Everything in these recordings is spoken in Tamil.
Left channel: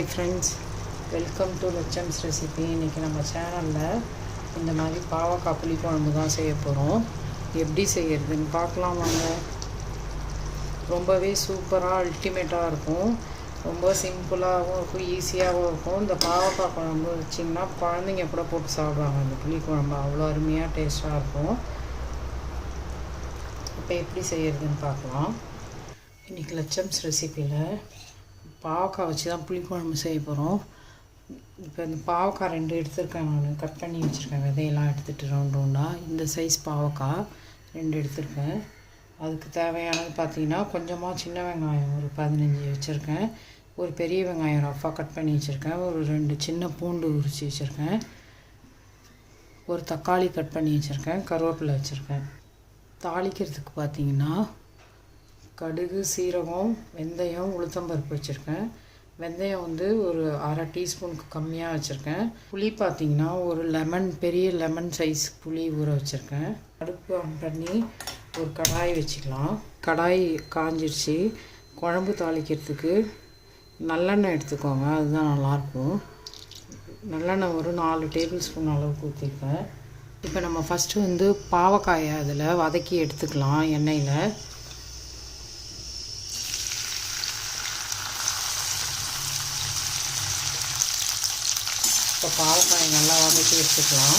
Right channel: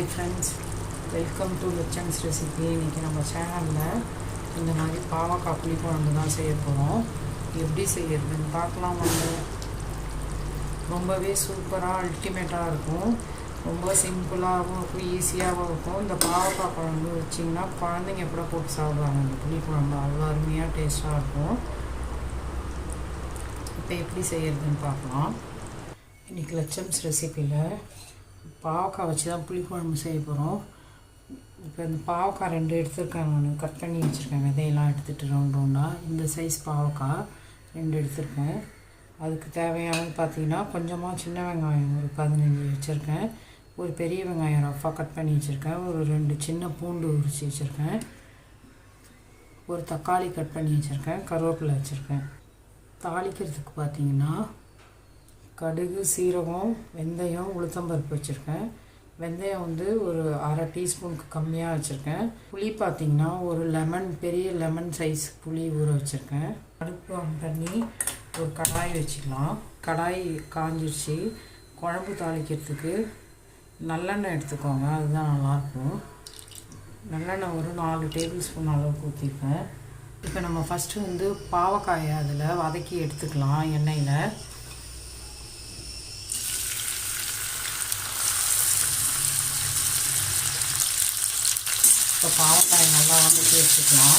ஹாய் ஃப்ரெண்ட்ஸ், வெல்கம் டு லட்சம்ஸ் ரெசிபி. இன்றைக்கி நம்ம சேனலில் இந்த மாதிரி பாவக்காய் புளிக்குழம்பு தான் செய்ய போகிறோம். எப்படி செய்யறதுன்னு பார்க்கலாம் வாங்க. ரொம்பவே சூப்பராக அல்டிமேட்டாக இருக்கும். ரொம்ப சிம்பிளாகவும் இருக்கும், ஈஸியாகவும் இருக்கும். இந்த பாவக்காய் குழம்பு வச்சிங்கன்னா குழந்தைங்க கூட போட்டு சாப்பிடுவாங்க. இந்த புளிக்குழம்பு அவ்வளோ அருமையாக டேஸ்ட்டாக இருக்கும். இப்போ எப்படி செய்யறதுன்னு பார்க்கலாம். இன்றைக்கி லட்சம்ஸ் ரெசிப்பியில் பாவக்காய் வச்சு தான் புளிக்குழம்பு செய்ய போகிறோம். இப்போ இந்த பாவக்காய் 2 எடுத்துருக்கேன். நான் கட் பண்ணி வச்சுருக்கேன். விதையெல்லாம் எடுத்துகிட்டு ரவுண்டாக இந்த சைஸ் பாவக்காய் 2 எடுத்துருக்கேன். அதுக்கு தேவையானது பார்த்திங்கன்னா கொஞ்சமாக சின்ன வெங்காயம் ஒரு 15 வச்சுருக்கேன். ஒரு பெரிய வெங்காயம் ரஃபாக கட் பண்ணி வச்சுருக்கேன். ஒரு 2 சின்ன பூண்டு உரித்து வச்சுருக்கேன். ஒரு தக்காளி கட் பண்ணி வச்சுருக்கேன். கருவேப்பிலை வச்சுருக்கேன். தாளிக்கிறதுக்கு பார்த்திங்கன்னா கடுகு, சீரகம், வெந்தயம், உளுத்தம்பருப்பு வச்சுருக்கேன். வெந்தயம் ஒரு அரை டீஸ்பூனுக்கு கம்மியாக வச்சுருக்கேன். புளி பார்த்திங்கன்னா ஒரு பெரிய லெமன் சைஸ் புளி ஊற வச்சுருக்கேன். அடுப்பு ஆன் பண்ணி ஒரு கடாய் வச்சுக்கலாம். கடாய் காஞ்சிடுச்சு. குழம்பு தாளிக்கிறதுக்கு நல்லெண்ணெய் எடுத்துக்கோங்க, அதுதான் நல்லாயிருக்கும். நல்லெண்ணெய் ஒரு 4 டேபிள் ஸ்பூன் அளவுக்கு ஊற்றிப்பேன். இப்போ நம்ம ஃபஸ்ட்டு பாவக்காயை அதில் வதக்கி எடுத்துக்கலாம் எண்ணெயில். இப்போ பாவக்காயை நல்லா வதக்கி எடுத்துக்கலாம்.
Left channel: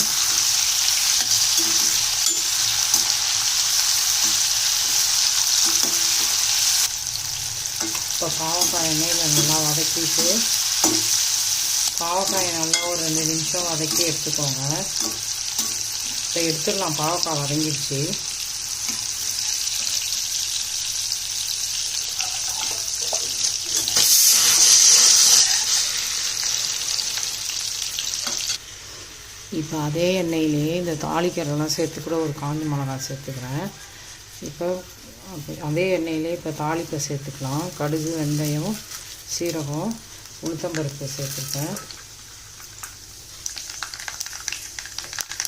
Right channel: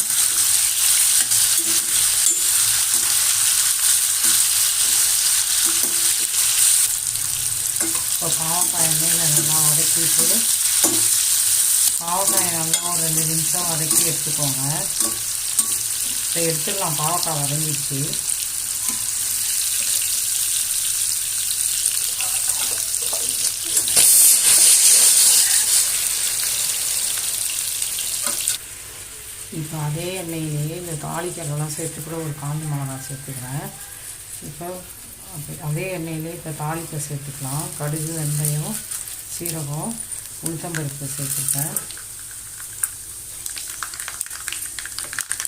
இப்போ பாவக்காய் எண்ணெயில் நல்லா வதக்கிட்டு பாவக்காயை நல்லா ஒரு 2 நிமிஷம் வதக்கி எடுத்துக்கோங்க. இப்போ எடுத்துக்கலாம். பாவக்காய் வதங்கிடுச்சு. இப்போ அதே எண்ணெயிலேயே இந்த தாளிக்கிறதெல்லாம் சேர்த்துக்கூட ஒரு காஞ்ச மிளகாய் சேர்த்துக்கிறேன். இப்போ அதே எண்ணெயிலே இப்போ தாளிக்க சேர்த்துக்கலாம். கடுகு, வெந்தயம், சீரகம், உளுத்தம்பருப்பு சேர்த்துப்பேன்.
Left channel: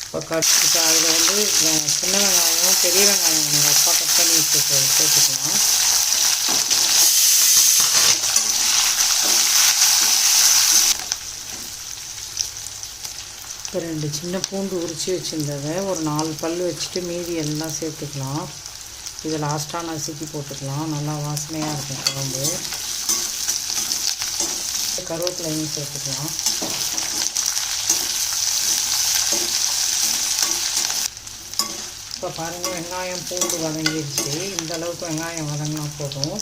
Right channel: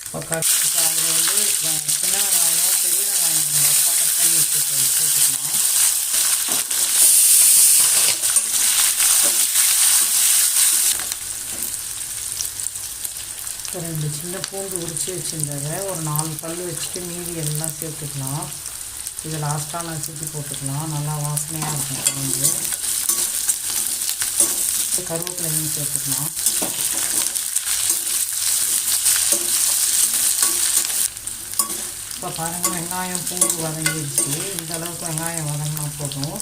இப்போ அதில் சின்ன வெங்காயம், பெரிய வெங்காயம் ரஃபாக கட் பண்ணி சேர்த்துக்கலாம். இப்போ 2 சின்ன பூண்டு உரித்து வச்சுருந்ததை ஒரு 4 பல் வச்சுட்டு மீதி எல்லாம் சேர்த்துக்கலாம். இதை லாஸ்ட்டாக நசுக்கி போட்டுக்கலாம். நல்லா வாசனையாக இருக்கும் குழம்பு. கருவேப்பிலையும் சேர்த்துக்கலாம். இப்போ பாருங்கள், வெங்காயம் பூண்டு வதங்கிடுச்சு. இந்த அளவுக்கு வெங்காயம் வதங்கினா போதும்.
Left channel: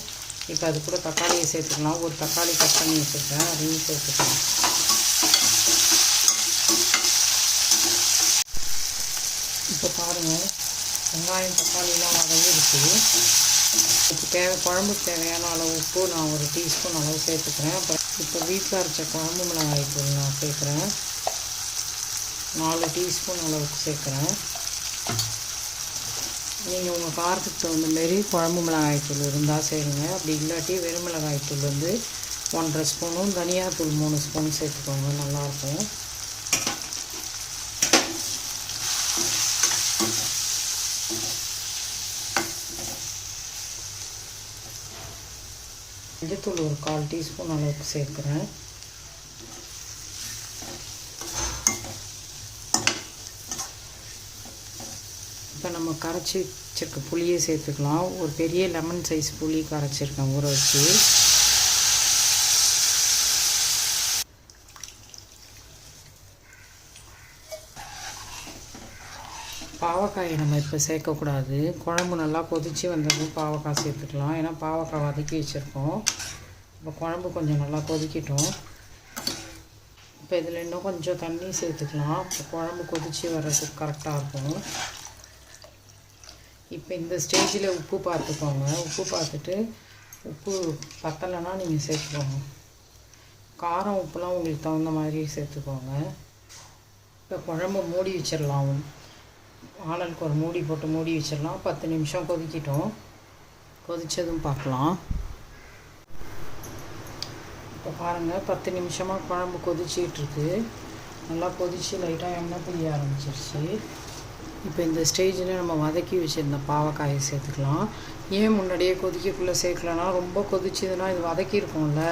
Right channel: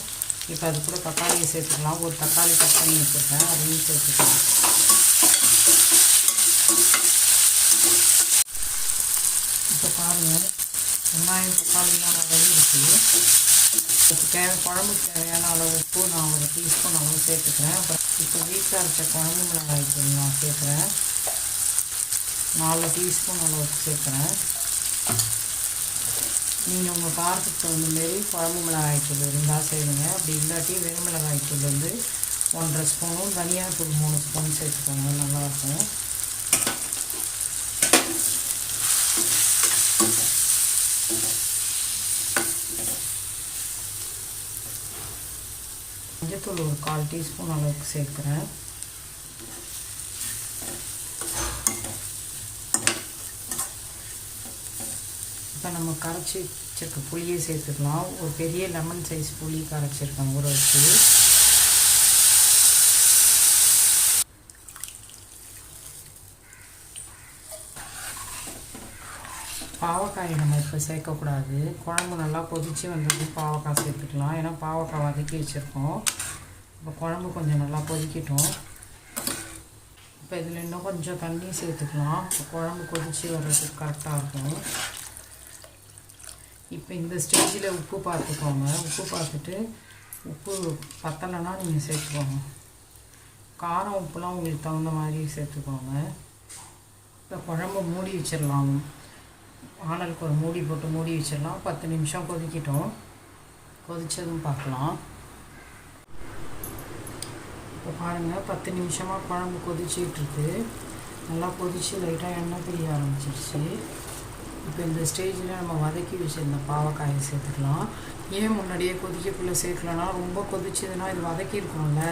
இப்போ அது கூட தக்காளியை சேர்த்துக்கலாம். ஒரு தக்காளி கட் பண்ணி வச்சுருக்கேன், அதையும் சேர்த்துக்கலாம். இப்போ பாருங்கள், வெங்காயம் தக்காளிலாம் வதங்கிடுச்சு. இப்போ குழம்புக்கு தேவையான அளவு உப்பு நான் ஒரு டீஸ்பூன் அளவு சேர்த்துக்கிறேன். அப்புறம் இப்போ வீட்டில் அரைச்ச குழம்பு மிளகாய் தூள் நான் சேர்க்குறேன். 4 டீஸ்பூன் அளவுக்கு சேர்க்குறேன். நீங்கள் உங்கள் காரத்துக்கு தகுந்த மாரி குழம்பு மிளகாய் தூள் இருந்தால் செய்யுங்க. அப்படி இல்லாட்டி வெறும் மிளகாய் தூள் 1.5 ஸ்பூனும், தனியாத்தூள் 3 ஸ்பூன் சேர்த்துக்கோங்க, நல்லாயிருக்கும். மஞ்சத்தூள் ஒரு 1/4 டீஸ்பூன் அளவுக்கு சேர்க்குறேன். இப்போ நம்ம கரைச்சி வச்சிருக்க புளியை சேர்த்துக்கலாம். ஒரு பெரிய லெமன் சைஸ் புளி கரைச்சிருக்கேன் ஊற வச்சு. பாவக்காயை நம்ம இப்போ சேர்க்கக்கூடாது. குழம்பு நல்லா கொதித்து வந்ததும் பாவக்காய் சேர்த்துக்கலாம். ஏன்னா பாவக்காய் வதக்கி வச்சுருக்கோம். இப்போ குழம்பு கொஞ்சம் நல்லா கொதிக்கட்டும். இப்போ இதில் இன்னும் கொஞ்சம் தண்ணி சேர்த்துக்கலாம். இப்போ குழம்பு கொதித்து வர்றதுக்கு கரெக்டாக இருக்கும். இப்போ இந்த ஸ்டேஜில் உப்பு பார்த்துக்கோங்க. உப்பு பார்த்துட்டு உப்பு பத்தலைன்னா நீங்கள் சேர்த்துக்கோங்க. காரம் உப்புலாம் உங்களுக்கு தகுந்த மாதிரி சேர்த்துக்கோங்க. இப்போ குழம்பு மூடி வச்சிடலாம். ஆனலுக்கு ஒரு மூடி போட்டு மூடி வச்சிடலாம். 10 நிமிஷம் கொதிக்கிட்டோம். கொதித்ததும் பார்க்கலாம். இப்போ பாருங்கள், 10 நிமிஷமாக குழம்பு கொதிச்சிட்ருக்கு. நல்லா கொதித்து லைட்டாக எண்ணெய் பிடிக்க ஆரம்பிச்சிருச்சு. இப்போ இந்த ஸ்டேஜில் நம்ம வதக்கி வச்சுருந்த பாவக்காயை சேர்த்துக்கலாம். ஏன் முன்னாடியே கொதிக்கக்குள்ளே சேர்க்கலன்னா, ரொம்ப கொதிச்சதுன்னா இது வதக்கியிருக்கோம்ல,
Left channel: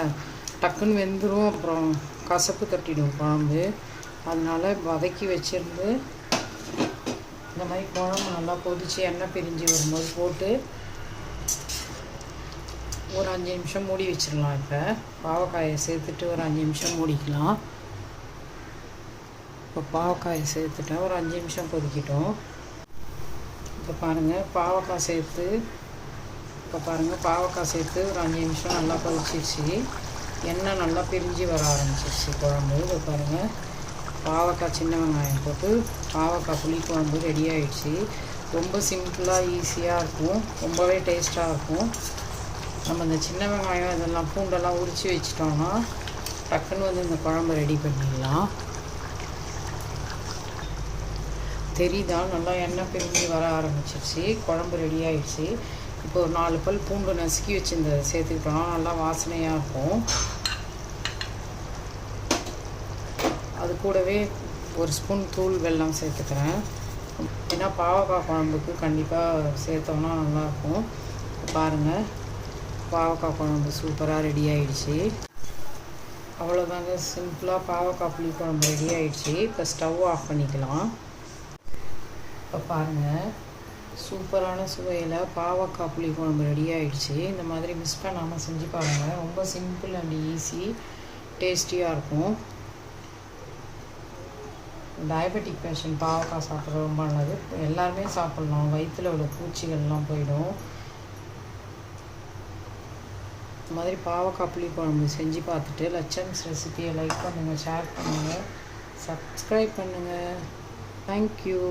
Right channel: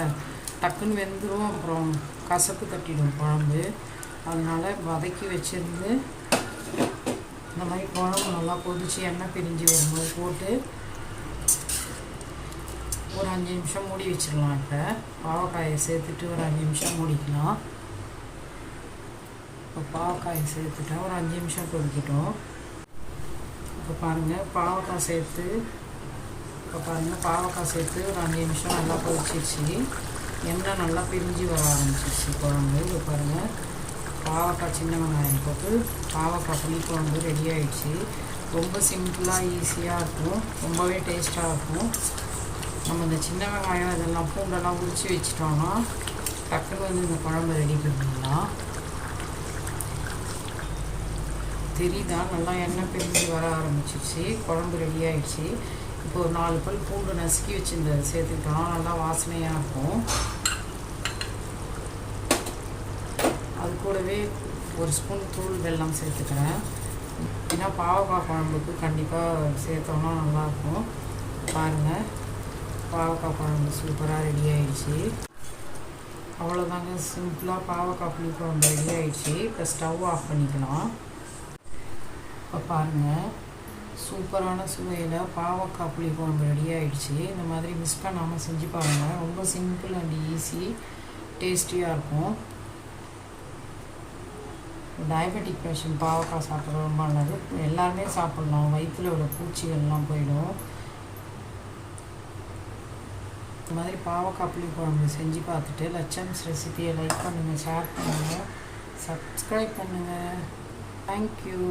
டக்குன்னு வெந்துடும், அப்புறம் கசப்பு தட்டிடும் குழம்பு. அதனால் வதக்கி வச்சுருந்து இந்த மாதிரி குழம்பு நல்லா கொதித்து எண்ணெய் பிரிஞ்சு வரும்போது போட்டு ஒரு 5 நிமிஷம் மூடி வச்சிடலாம். இப்போ பாவக்காயை சேர்த்துட்டு ஒரு 5 நிமிஷம் மூடிக்கலாம். இப்போ பாவக்காயை சேர்த்துட்டேன், ஒரு 5 நிமிஷம் கொதிக்கட்டும். இப்போ பாருங்கள் பாவக்காய் சேர்த்து ஒரு 5 நிமிஷம் நல்லா கொதிச்சிருச்சு. எண்ணெய் நல்லா பிரிஞ்சு வர ஆரம்பிச்சிருச்சு குழம்பு. இப்போ பாருங்கள் பாவக்காய் சின்ன வெங்காயம் போட்டு பாவக்காய் புளிக்குழம்பு ரெடி ஆகிடுச்சு. ரொம்ப சிம்பிளாக ஈஸியாக இருக்கும், ரொம்பவே டேஸ்ட்டாக இருக்கும். நம்ம இந்த சின்ன வெங்காயம் இதெல்லாம் பூண்டெல்லாம் உரித்து வச்சிட்டோம்னா டக்குன்னு இந்த குழம்பு ரெடி பண்ணிடலாம். தெரியுதா, நல்லா எண்ணெய் பிரிஞ்சு வர ஆரம்பிச்சிருச்சு, குழம்பு ரெடி ஆகிடுச்சு. இப்போ ஒரு 4 பல் பூண்டு நசுக்கி வச்சுருந்த சேர்த்துக்கிட்டோம்னா நல்லா வாசனையாக இருக்கும். அது கூடவே ஒரு ஸ்பூன் தூள் வெல்லம் சேர்த்துக்கிறேன். ஏன்னா பாவக்காய் குழம்புக்கு கண்டிப்பாக சேர்த்தோம்னா நல்லாயிருக்கும். பாருங்கள் பாவக்காய் குழம்பு சூப்பராக ரெடி ஆகிடுச்சு. அவ்வளோதாங்க, சிம்பிளாக பாவக்காய் புளி குழம்பு ரெடி ஆகிடுச்சு. இப்போ ஸ்டவ் ஆஃப் பண்ணிக்கலாம். இப்போ பாருங்கள் சூப்பரான சுவையில் பாவக்காய் புளி குழம்பு ரெடி ஆகிடுச்சு. இந்த மாதிரி மிஸ் பண்ணாமல் செஞ்சு பாருங்கள், ரொம்ப சிம்பிள் அண்ட் ஈஸி, டேஸ்டியாக இருக்கும். டயபெட்டிக் பேஷண்ட் பாவக்காய் சாப்பிட்றது ரொம்ப நல்லது, எல்லாருமே சாப்பிட்லாம், வயிற்றில் உள்ள பூச்சிகள்லாம் போயிடும். இந்த மாதிரி பாவக்காய் புளி குழம்பு செஞ்சு பார்த்துட்டு லட்சம்ஸ் ரெசிபியை லைக் பண்ணுங்கள், ஷேர் பண்ணுங்கள், சப்ஸ்கிரைப் பண்ணுங்கள். தேங்க்யூ.